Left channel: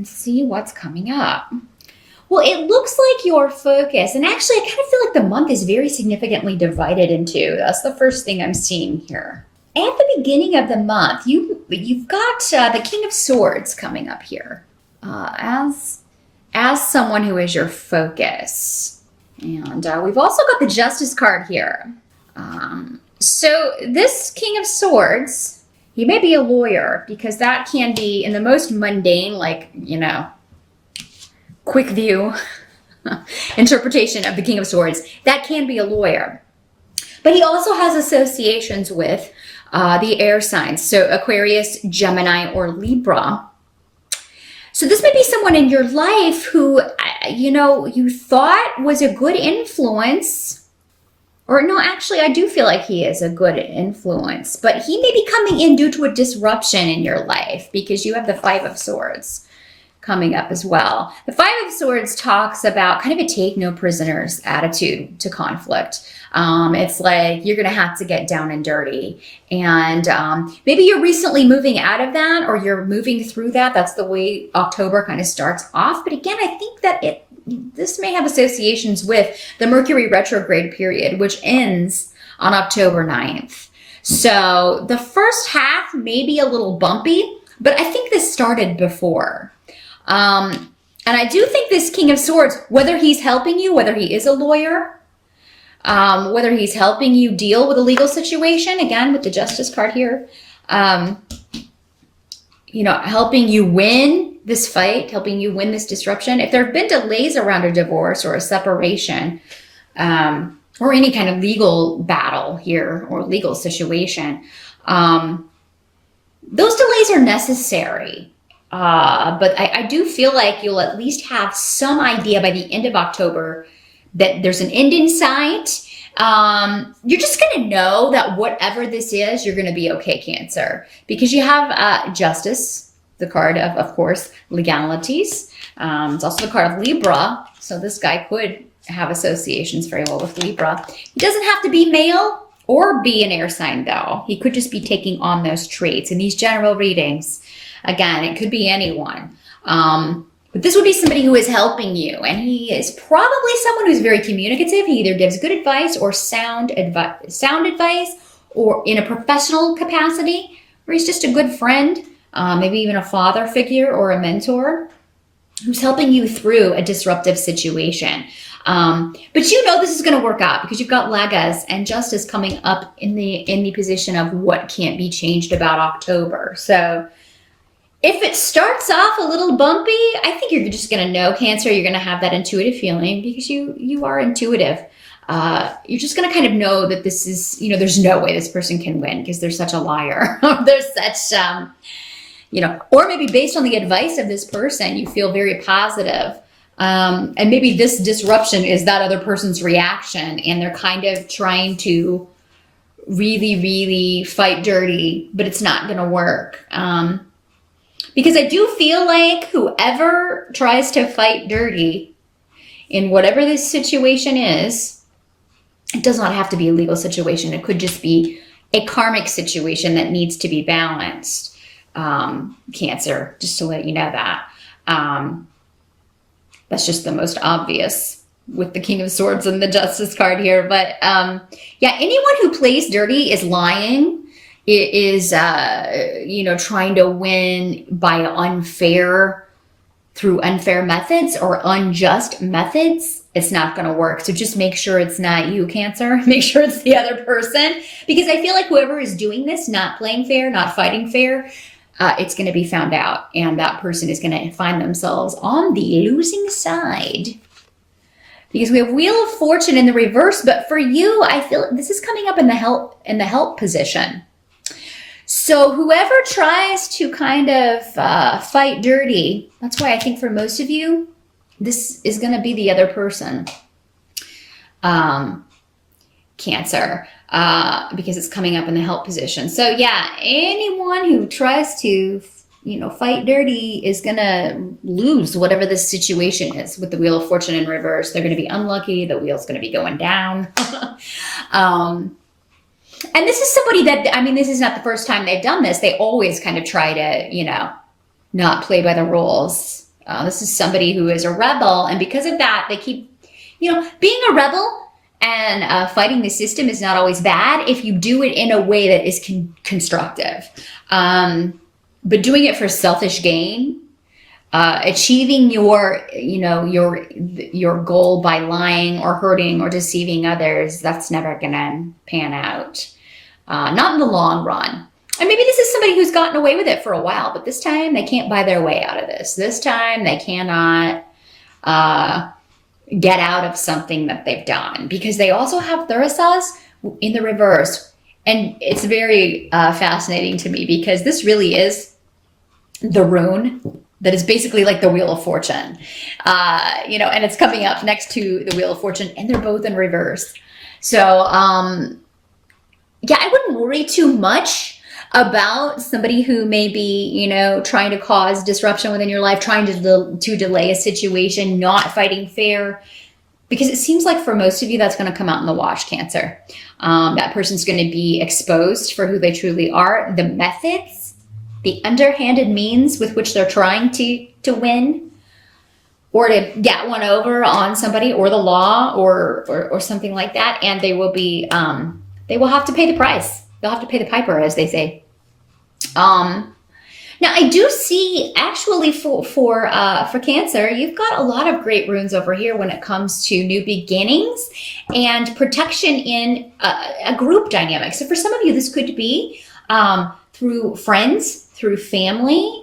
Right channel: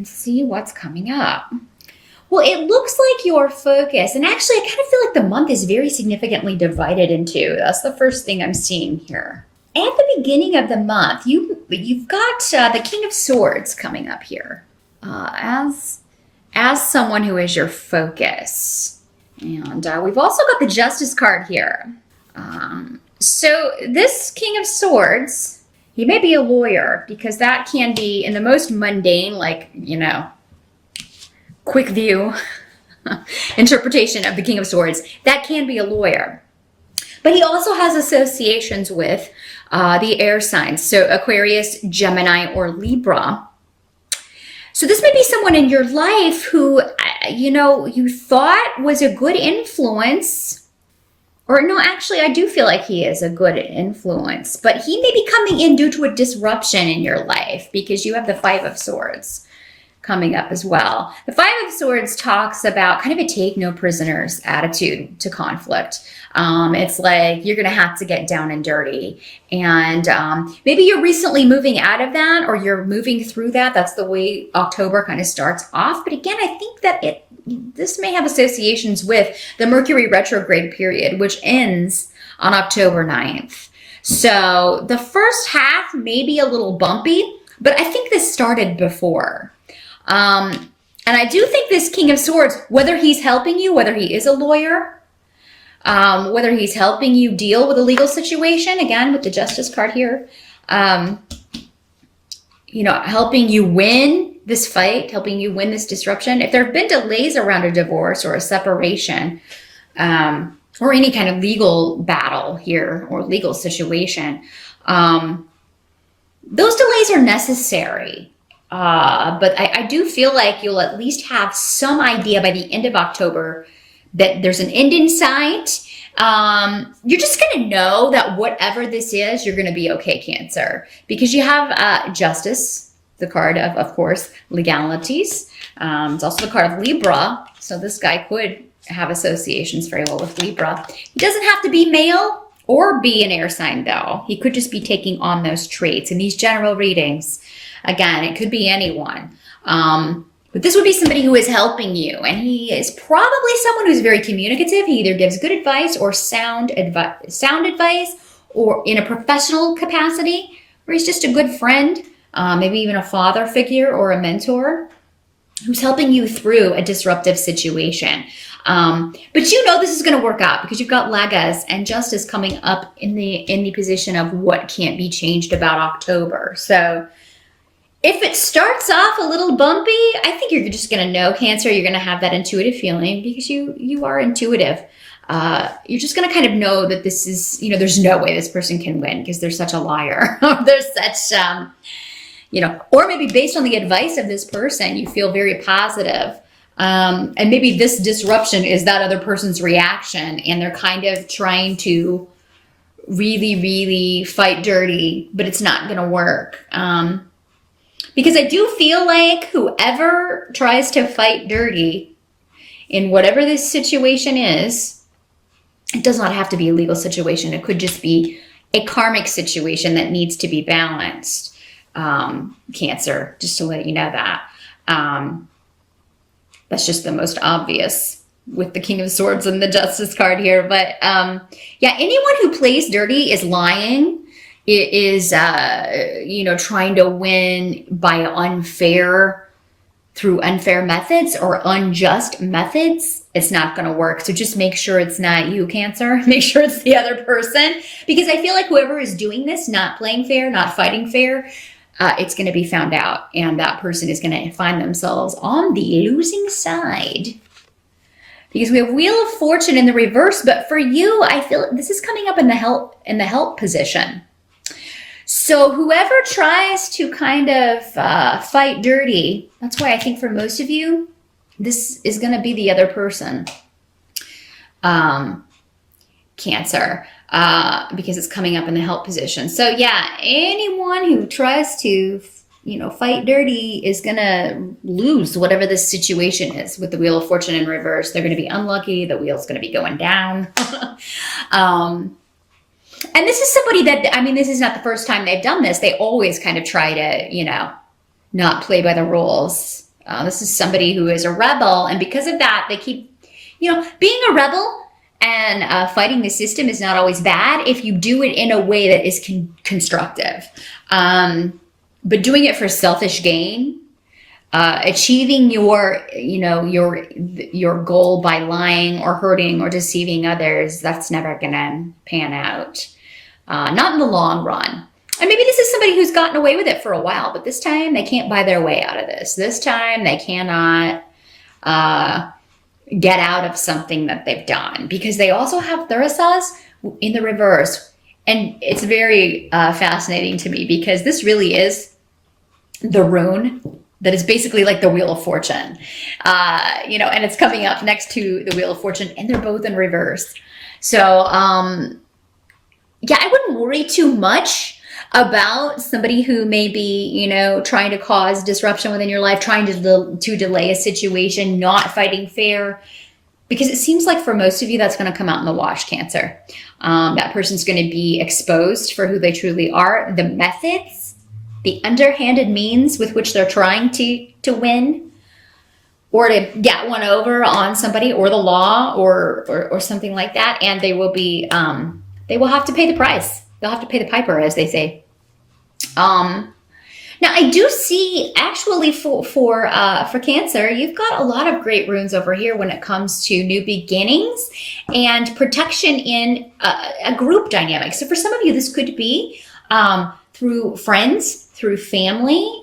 and see what's coming up. Well, it looks like your focus, and actually I kind of feel like the month is very significantly divided in two. That's the first thing I'm seeing here. At the beginning of the month, you've got the King of Swords coming up here as someone who is your focus. And we've also got the Justice card here. So this King of Swords, he may be a lawyer, because that can be in the most mundane, like, quick view interpretation of the King of Swords. That can be a lawyer. But he also has associations with the air signs. So Aquarius, Gemini, or Libra. So this may be someone in your life who, you thought was a good influence. Or no, actually, I do feel like he is a good influence. But he may be coming in due to a disruption in your life, because you have the Five of Swords coming up as well. The Five of Swords talks about kind of a take no prisoners attitude to conflict. It's like you're going to have to get down and dirty. And maybe you're recently moving out of that, or you're moving through that. That's the way October kind of starts off. But again, I think that this may have associations with the Mercury retrograde period, which ends on October 9th. So the first half may be a little bumpy, but I think this started before. And I do think this King of Swords, whether he's helping you, whether he is a lawyer, whether he's helping you deal with a legal situation, again, with the Justice card here, helping you win this fight, helping you win this disruption. If there have been delays around a divorce or a separation, or any kind of legal battle here or legal situation, those delays are necessary. But I do feel like you'll at least have some idea by the end of October that there's an end in sight. You're just going to know that whatever this is, you're going to be okay, Cancer, because you have Justice, the card of course, legalities. It's also the card of Libra. So this guy could have associations very well with Libra. He doesn't have to be male or be an air sign, though. He could just be taking on those traits in these general readings. Again, it could be anyone. But this would be somebody who is helping you. And he is probably someone who's very communicative. He either gives good advice or sound advice, or in a professional capacity, or he's just a good friend, maybe even a father figure or a mentor who's helping you through a disruptive situation. But this is going to work out, because you've got Legas and Justice coming up in the position of what can't be changed about October. So if it starts off a little bumpy, I think you're just going to know, Cancer, you're going to have that intuitive feeling, because you are intuitive. You're just going to kind of know that this is, there's no way this person can win because they're such a liar. They're such, or maybe based on the advice of this person, you feel very positive. And maybe this disruption is that other person's reaction, and they're kind of trying to really, really fight dirty, but it's not going to work. Because I do feel like whoever tries to fight dirty in whatever this situation is, it does not have to be a legal situation. It could just be a karmic situation that needs to be balanced. Cancer, just to let you know that. That's just the most obvious with the King of Swords and the Justice card here. But anyone who plays dirty is lying. It is, trying to win through unfair methods or unjust methods. It's not going to work. So just make sure it's not you, Cancer. Make sure it's the other person. Because I feel like whoever is doing this, not playing fair, not fighting fair, it's going to be found out. And that person is going to find themselves on the losing side. Because we have Wheel of Fortune in the reverse. But for you, I feel this is coming up in the help position. So whoever tries to kind of fight dirty, that's why I think for most of you, this is going to be the other person, Cancer, because it's coming up in the help position. So yeah, anyone who tries to, fight dirty is going to lose whatever this situation is with the Wheel of Fortune in reverse. They're going to be unlucky. The wheel's going to be going down. And this is somebody that, this is not the first time they've done this. They always kind of try to, not play by the rules. This is somebody who is a rebel, and because of that, they keep, being a rebel and fighting the system is not always bad if you do it in a way that is constructive. But doing it for selfish gain, achieving your goal by lying or hurting or deceiving others, that's never gonna pan out. Not in the long run. And maybe this is somebody who's gotten away with it for a while, but this time they can't buy their way out of this. This time they cannot get out of something that they've done, because they also have Thurisaz in the reverse. And it's very fascinating to me, because this really is the rune that is basically like the Wheel of Fortune, and it's coming up next to the Wheel of Fortune, and they're both in reverse. So, I wouldn't worry too much about somebody who may be, trying to cause disruption within your life, trying to delay a situation, not fighting fair, because it seems like for most of you, that's going to come out in the wash, Cancer. That person's going to be exposed for who they truly are, the methods, the underhanded means with which they're trying to win, or to get one over on somebody, or the law, or something like that, and they will have to pay the price. They'll have to pay the piper, as they say. Now I do see, actually, for Cancer, you've got a lot of great runes over here when it comes to new beginnings and protection in a group dynamic. So for some of you, this could be through friends, through family.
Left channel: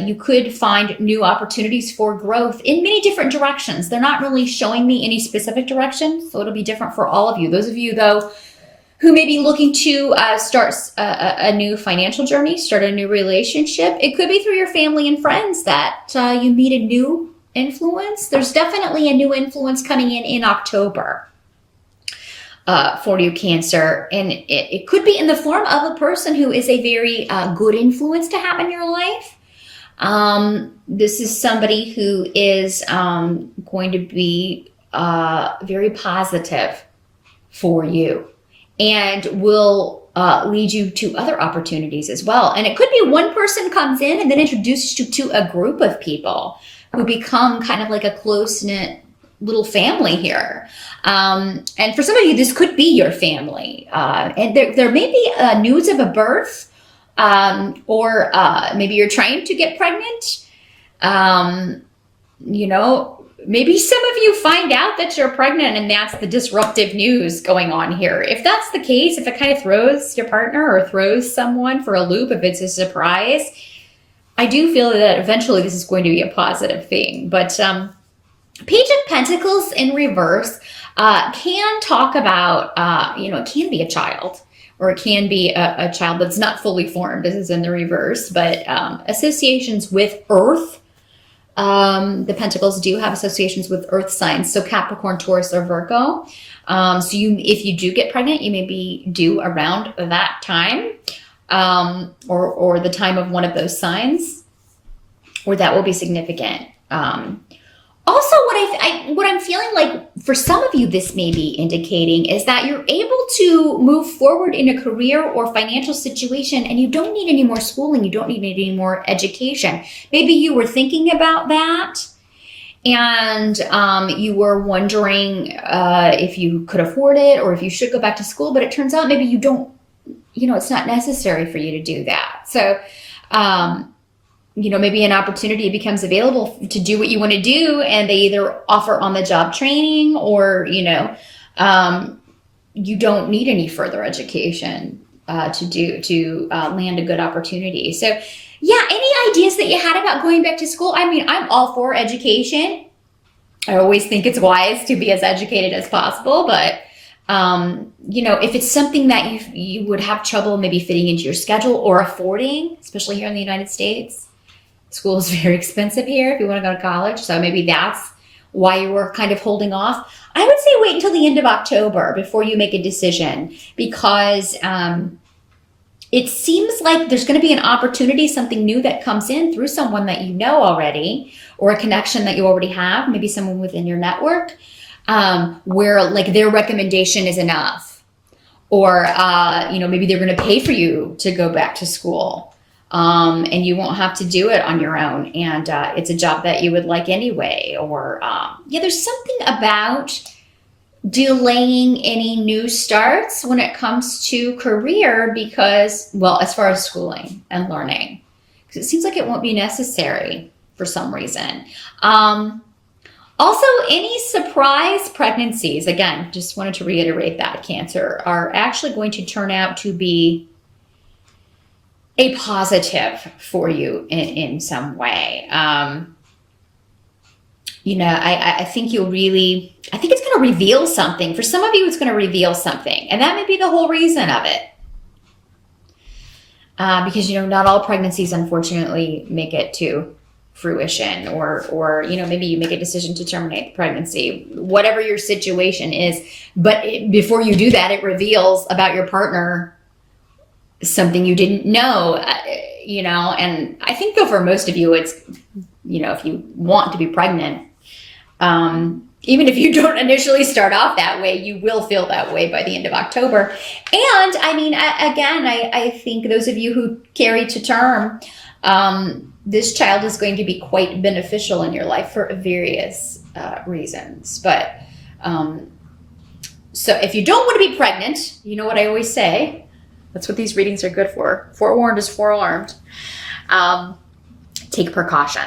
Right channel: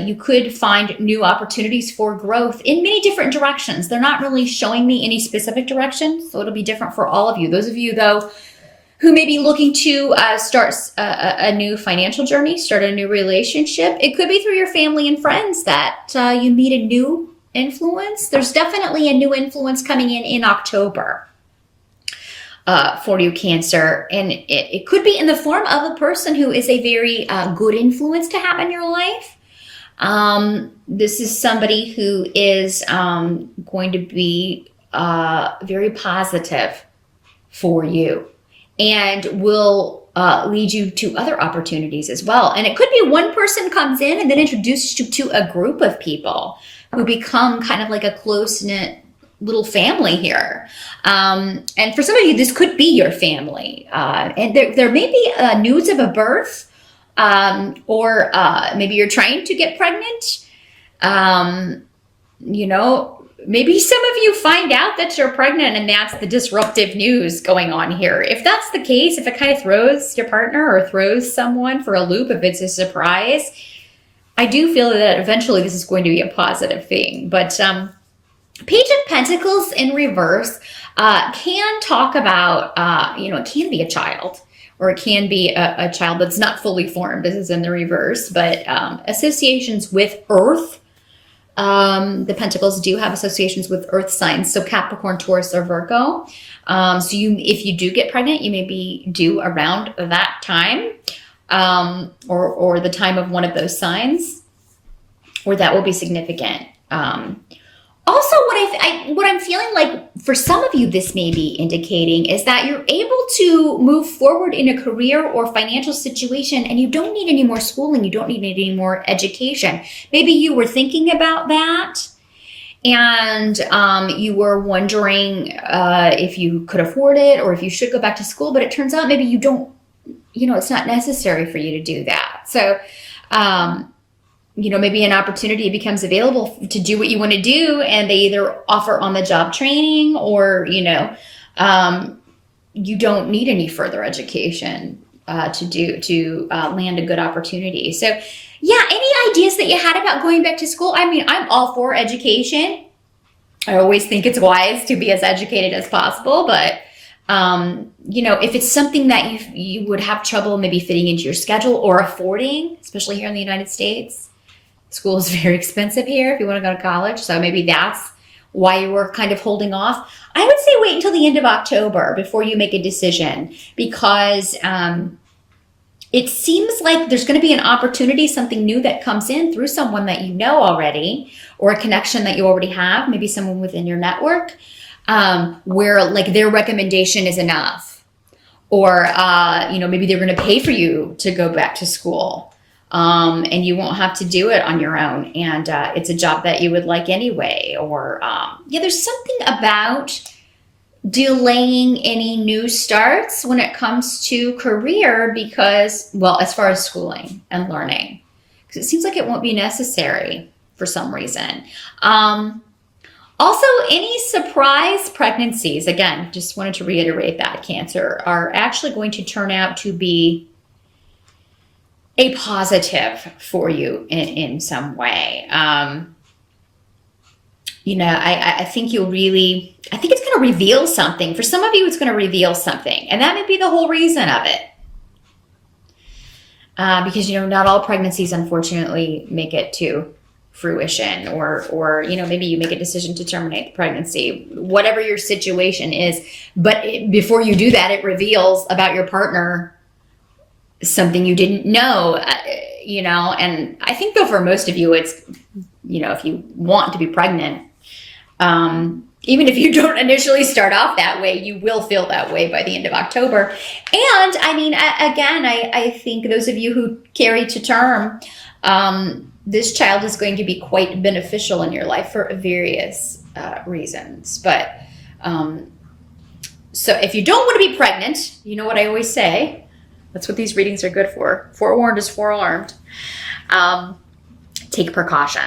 You could find new opportunities for growth in many different directions. They're not really showing me any specific direction, so it'll be different for all of you. Those of you, though, who may be looking to start a new financial journey, start a new relationship. It could be through your family and friends that you meet a new influence. There's definitely a new influence coming in October for you, Cancer. And it could be in the form of a person who is a very good influence to have in your life. This is somebody who is going to be very positive for you, and will lead you to other opportunities as well. And it could be one person comes in and then introduces you to a group of people who become kind of like a close-knit little family here. And for some of you, this could be your family. And there may be news of a birth, or maybe you're trying to get pregnant. Maybe some of you find out that you're pregnant, and that's the disruptive news going on here. If that's the case, if it kind of throws your partner or throws someone for a loop, if it's a surprise, I do feel that eventually this is going to be a positive thing. But Page of Pentacles in reverse can talk about, it can be a child, or it can be a child that's not fully formed. This is in the reverse, but associations with Earth. The Pentacles do have associations with Earth signs, so Capricorn, Taurus, or Virgo. So if you do get pregnant, you may be due around that time, or the time of one of those signs, or that will be significant. Also, what I'm feeling like for some of you, this may be indicating is that you're able to move forward in a career or financial situation, and you don't need any more schooling. You don't need any more education. Maybe you were thinking about that, and you were wondering if you could afford it, or if you should go back to school, but it turns out maybe you don't, it's not necessary for you to do that. So, maybe an opportunity becomes available to do what you want to do, and they either offer on-the-job training, or, you don't need any further education to land a good opportunity. So, any ideas that you had about going back to school? I mean, I'm all for education. I always think it's wise to be as educated as possible, but if it's something that you would have trouble maybe fitting into your schedule or affording, especially here in the United States. School is very expensive here if you want to go to college. So maybe that's why you were kind of holding off. I would say wait until the end of October before you make a decision, because it seems like there's going to be an opportunity, something new that comes in through someone that you know already, or a connection that you already have, maybe someone within your network, where like their recommendation is enough, or maybe they're going to pay for you to go back to school. and you won't have to do it on your own. And it's a job that you would like anyway. Or yeah, there's something about delaying any new starts when it comes to career because, well, as far as schooling and learning, because it seems like it won't be necessary for some reason. Also, any surprise pregnancies, again, just wanted to reiterate that, Cancer, are actually going to turn out to be a positive for you in some way. You know, I think I think it's going to reveal something. For some of you, it's going to reveal something. And that may be the whole reason of it. Because, you know, not all pregnancies, unfortunately, make it to fruition, or you know, maybe you make a decision to terminate the pregnancy, whatever your situation is. But before you do that, it reveals about your partner something you didn't know, you know. And I think, though, for most of you, it's, you know, if you want to be pregnant, even if you don't initially start off that way, you will feel that way by the end of October. And I mean, again, I think those of you who carry to term, this child is going to be quite beneficial in your life for various reasons. But so if you don't want to be pregnant, you know what I always say, that's what these readings are good for. Forewarned is forearmed. Take precautions.